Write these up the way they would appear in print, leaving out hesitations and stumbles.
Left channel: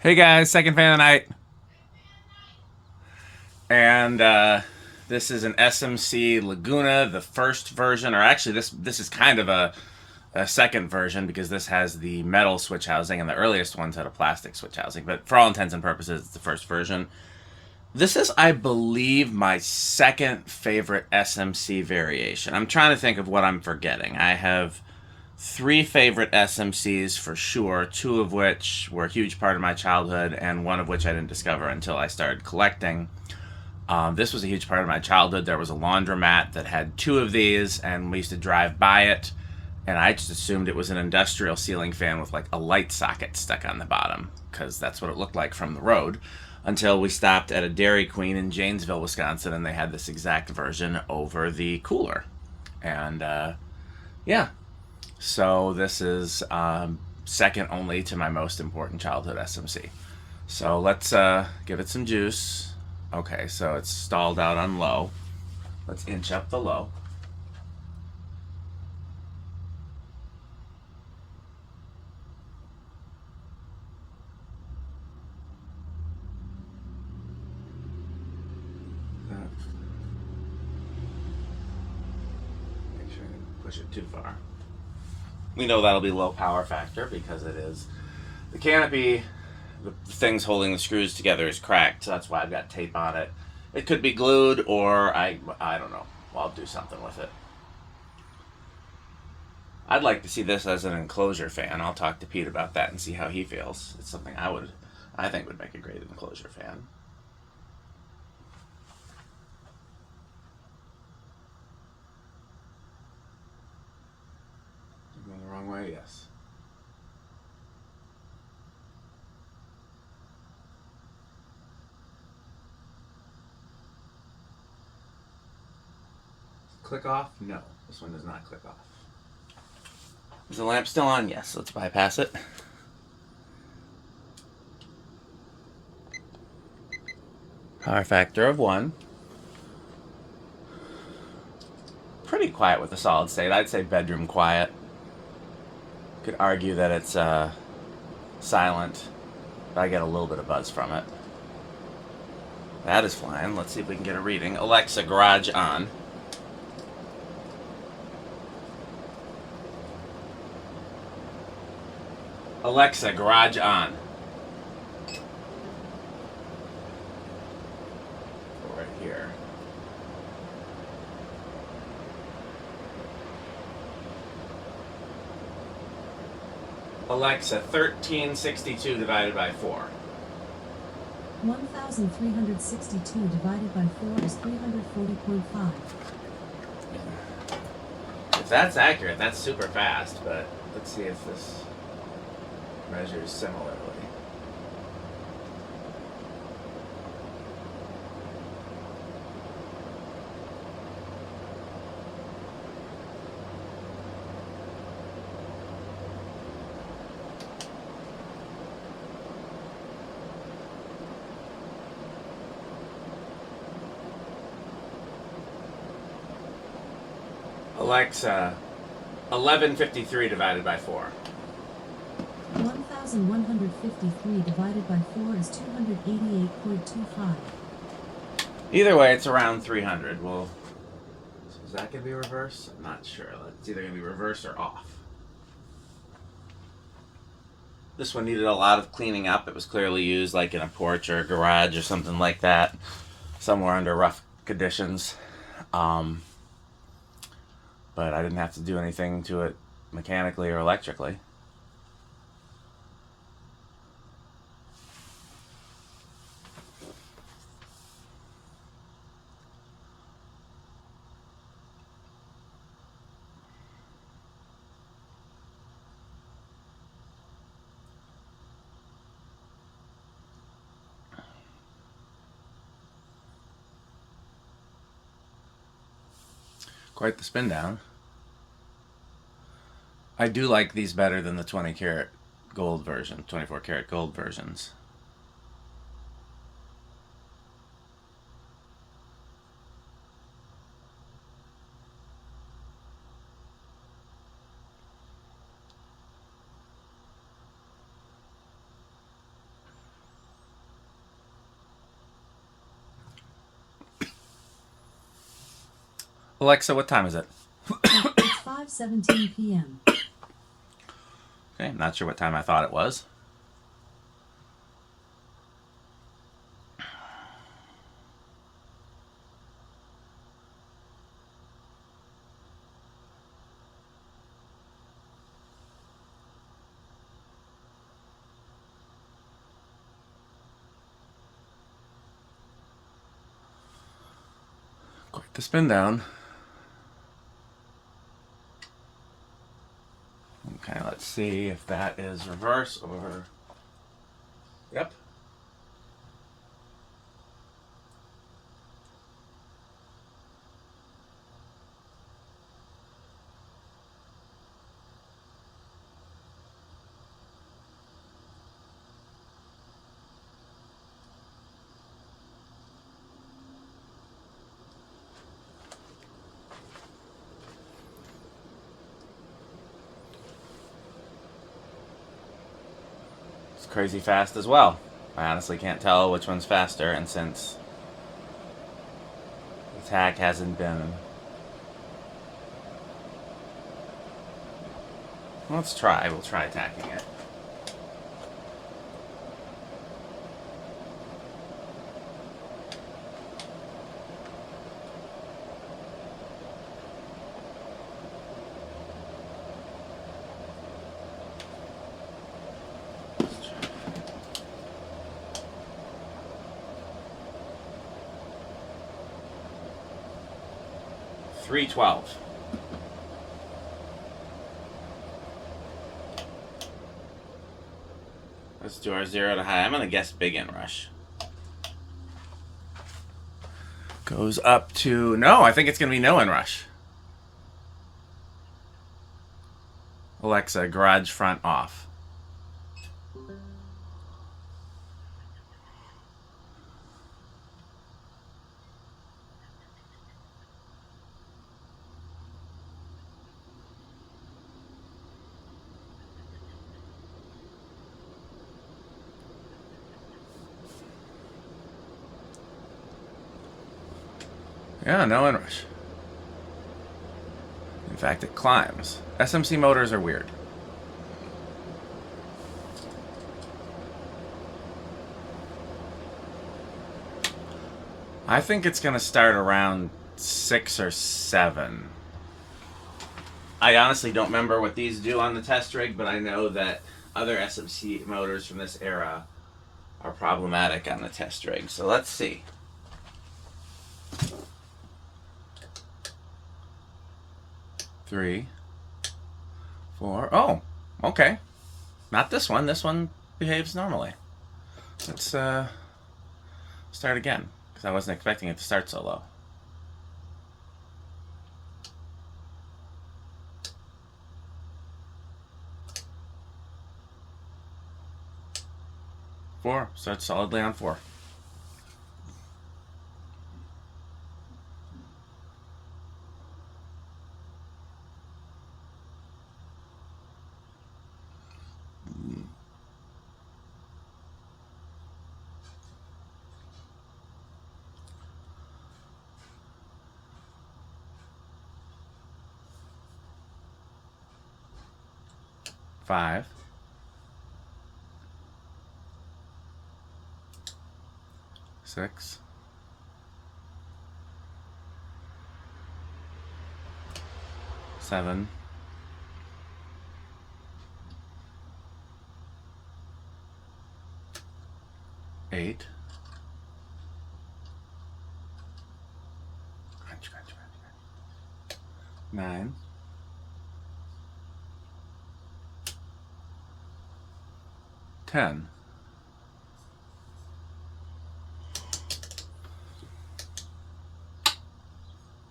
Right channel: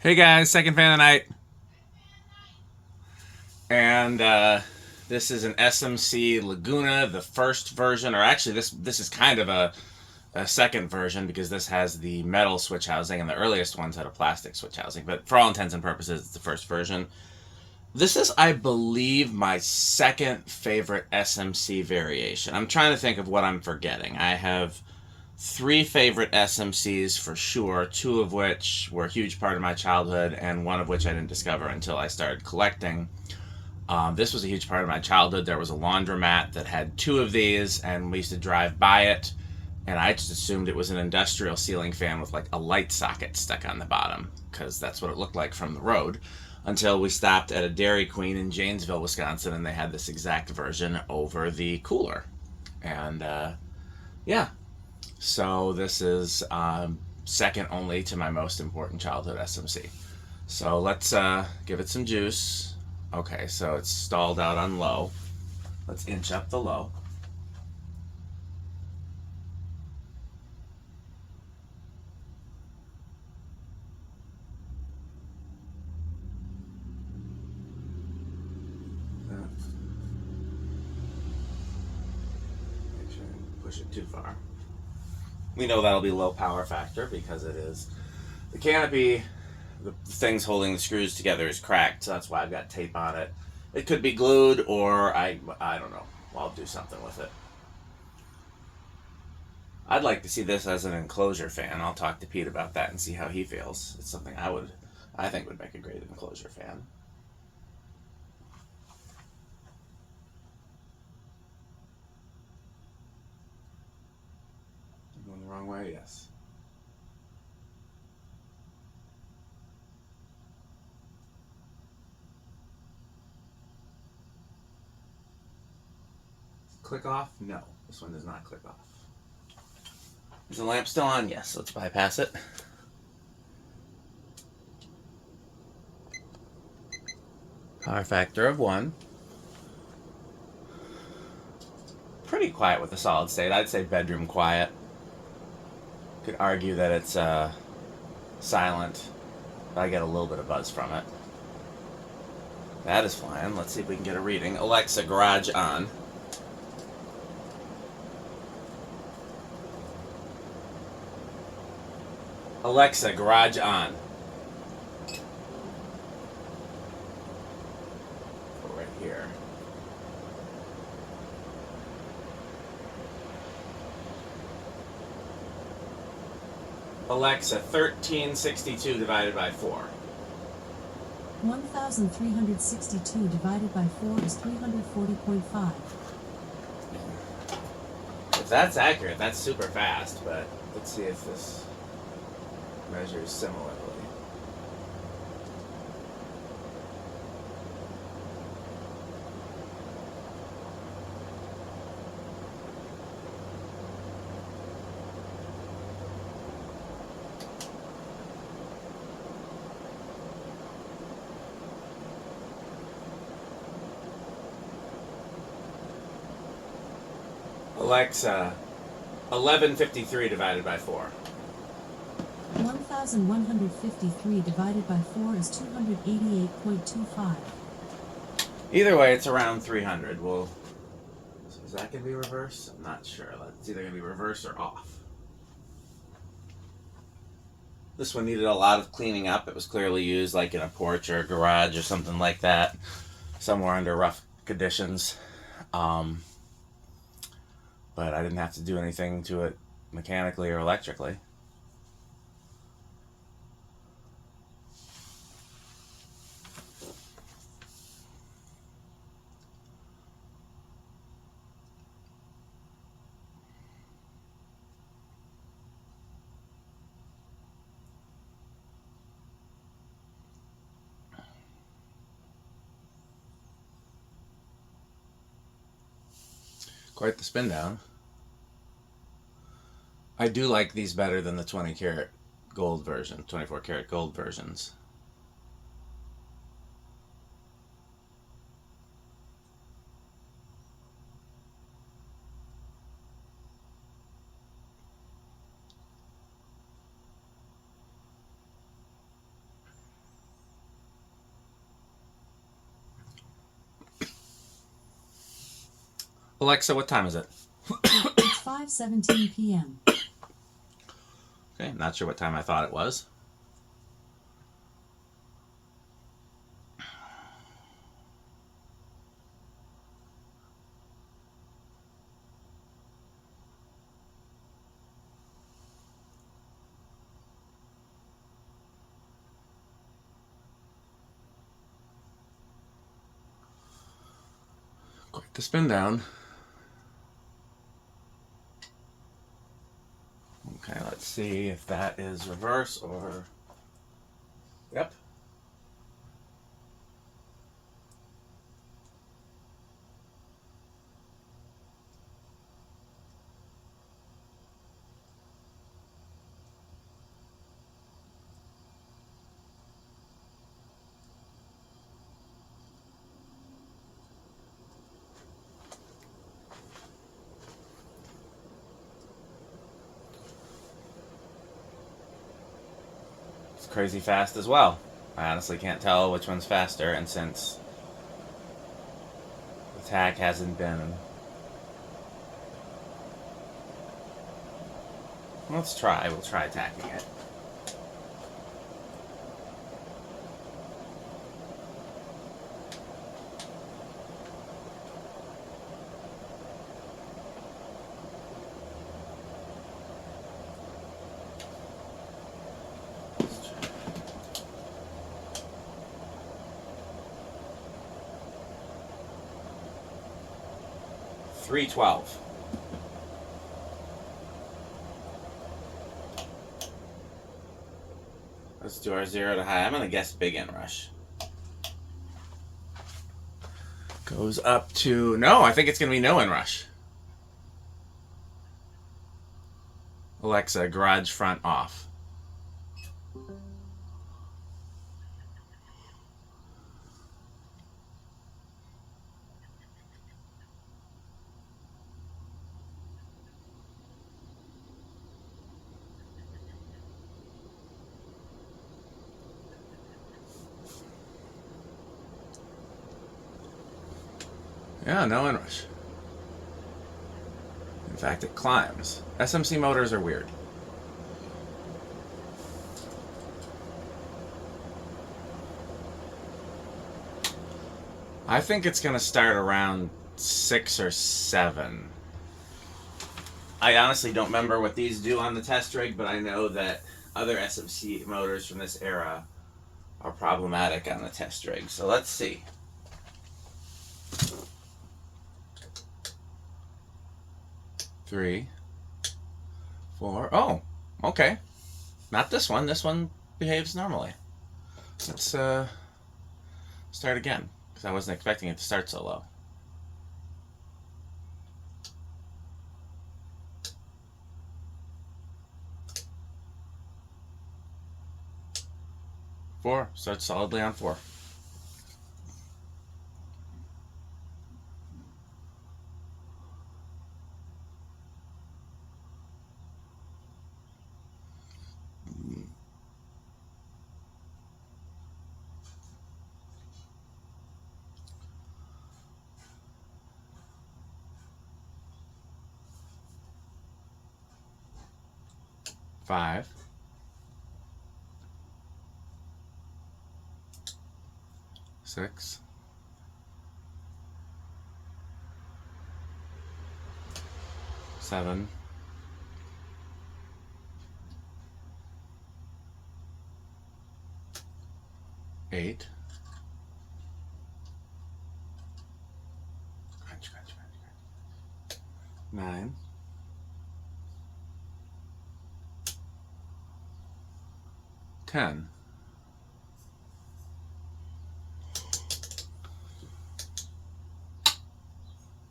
Hey guys, second fan of the night. And this is an SMC Laguna, the first version, or actually this is kind of a second version because this has the metal switch housing and the earliest ones had a plastic switch housing. But for all intents and purposes, it's the first version. This is, I believe, my second favorite SMC variation. I'm trying to think of what I'm forgetting. I have three favorite SMCs for sure, two of which were a huge part of my childhood, and one of which I didn't discover until I started collecting. This was a huge part of my childhood. There was a laundromat that had two of these, and we used to drive by it, and I just assumed it was an industrial ceiling fan with like a light socket stuck on the bottom, because that's what it looked like from the road. Until we stopped at a Dairy Queen in Janesville, Wisconsin, and they had this exact version over the cooler. And yeah, so this is second only to my most important childhood SMC. So let's give it some juice. Okay, so it's stalled out on low. Let's inch up the low. Make sure I didn't push it too far. We know that'll be low power factor because it is. The canopy, the things holding the screws together is cracked, so that's why I've got tape on it. It could be glued, or I don't know. I'll do something with it. I'd like to see this as an enclosure fan. I'll talk to Pete about that and see how he feels. It's something I think would make a great enclosure fan. Going the wrong way, yes. Click off? No, this one does not click off. Is the lamp still on? Yes. Let's bypass it. Power factor of 1. Pretty quiet with the solid state. I'd say bedroom quiet. Could argue that it's silent, but I get a little bit of buzz from it. That is flying. Let's see if we can get a reading. Alexa, garage on. Alexa, garage on. Right here. Alexa, 1362 divided by 4. 1,362 divided by 4 is 340.5. If that's accurate, that's super fast, but let's see if this measures similarly. Alexa, 1153 divided by 4. 1,153 divided by 4 is 288.25. Either way, it's around 300. Well, is that going to be reverse? I'm not sure. It's either going to be reverse or off. This one needed a lot of cleaning up. It was clearly used like in a porch or a garage or something like that, somewhere under rough conditions. But I didn't have to do anything to it mechanically or electrically. Quite the spin down. I do like these better than the 20 karat gold version, 24 karat gold versions. Alexa, what time is it? It's 5:17 p.m. Okay, not sure what time I thought it was. Quite the spin down. Okay, let's see if that is reverse or... Yep. It's crazy fast as well. I honestly can't tell which one's faster, and since the tack hasn't been... Let's try. We'll try tacking it. $3.12. Let's do our 0 to high. I'm going to guess big inrush. Goes up to... No, I think it's going to be no inrush. Alexa, garage front off. Yeah, no inrush. In fact, it climbs. SMC motors are weird. I think it's going to start around 6 or 7. I honestly don't remember what these do on the test rig, but I know that other SMC motors from this era are problematic on the test rig. So let's see. 3, 4. Oh, okay. Not this one. This one behaves normally. Let's start again, because I wasn't expecting it to start so low. 4. Starts solidly on 4. Five. 6. 7. 8. 9. 10.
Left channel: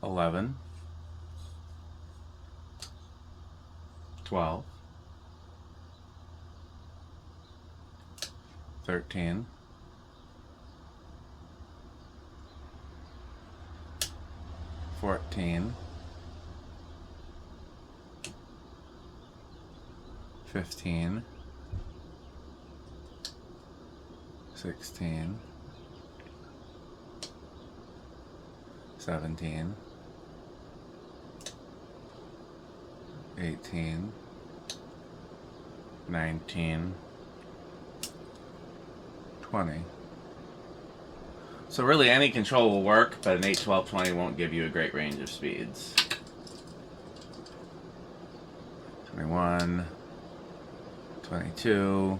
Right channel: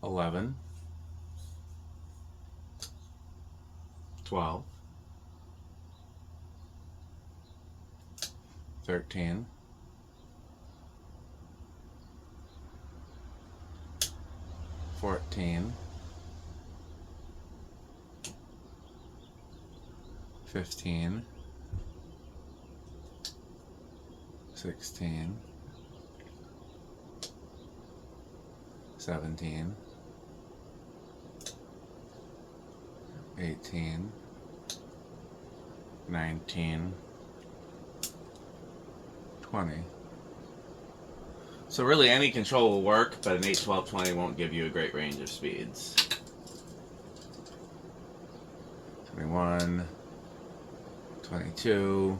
11. 12. 13. 14. 15. 16. 17. 18, 19, 20. So really any control will work, but an 8, 12, 20 won't give you a great range of speeds. 21, 22,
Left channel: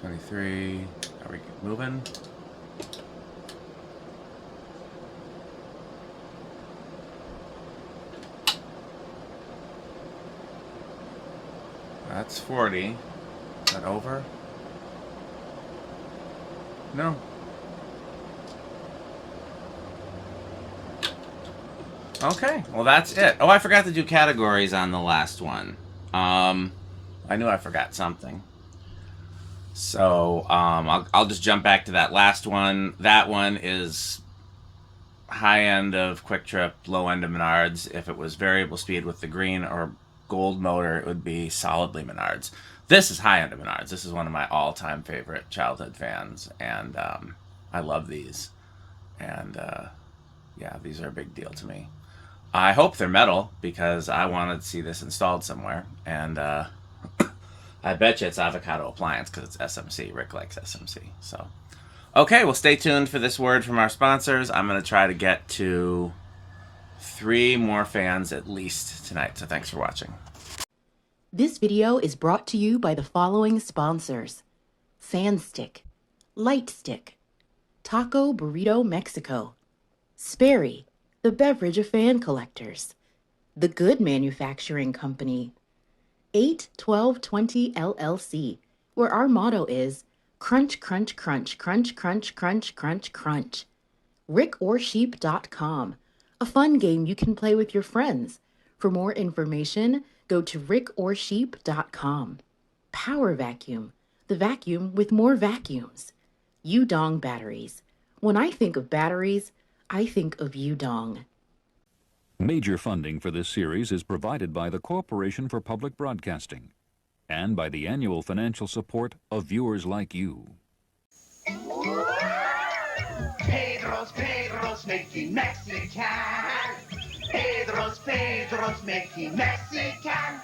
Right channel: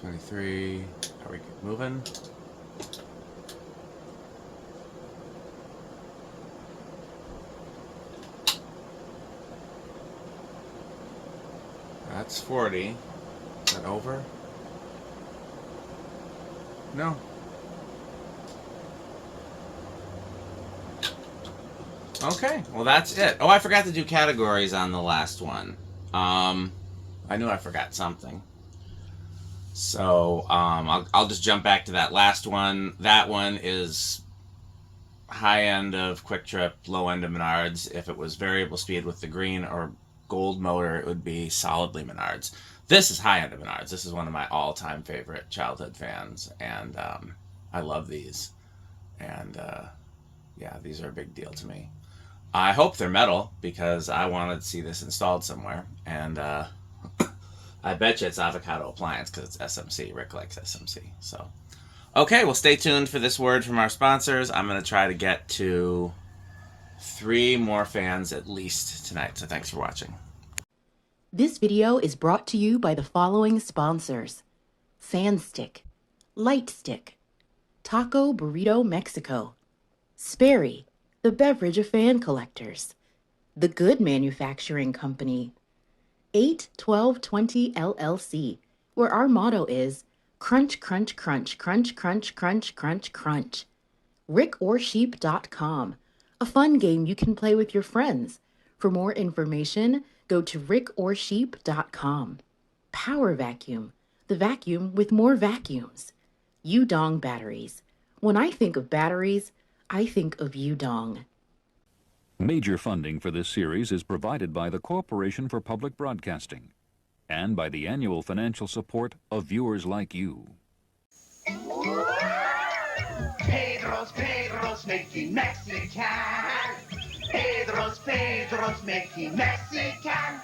23. Are we moving? That's 40. Is that over? No. Okay, well that's it. Oh, I forgot to do categories on the last one. I knew I forgot something. So I'll just jump back to that last one. That one is high end of Quick Trip, low end of Menards. If it was variable speed with the green or gold motor, it would be solidly Menards. This is high end of Menards. This is one of my all-time favorite childhood fans, and I love these. And yeah, these are a big deal to me. I hope they're metal because I wanted to see this installed somewhere, and I bet you it's Avocado Appliance because it's SMC. Rick likes SMC. So, okay, well, stay tuned for this word from our sponsors. I'm going to try to get to 3 more fans at least tonight, so thanks for watching. This video is brought to you by the following sponsors: Sandstick, Lightstick, Taco Burrito Mexico, Sperry, the beverage of fan collectors, The Good Manufacturing Company, 81220 LLC, where our motto is crunch, crunch, crunch, crunch, crunch, crunch, crunch, crunch. rickorsheep.com, a fun game you can play with your friends. For more information, go to rickorsheep.com. Power Vacuum, the vacuum with more vacuums. Udong Batteries. When I think of batteries, I think of Udong. Major funding for this series is provided by the Corporation for Public Broadcasting and by the annual financial support of viewers like you. Pedro's making Mexican. Pedro's making Mexican.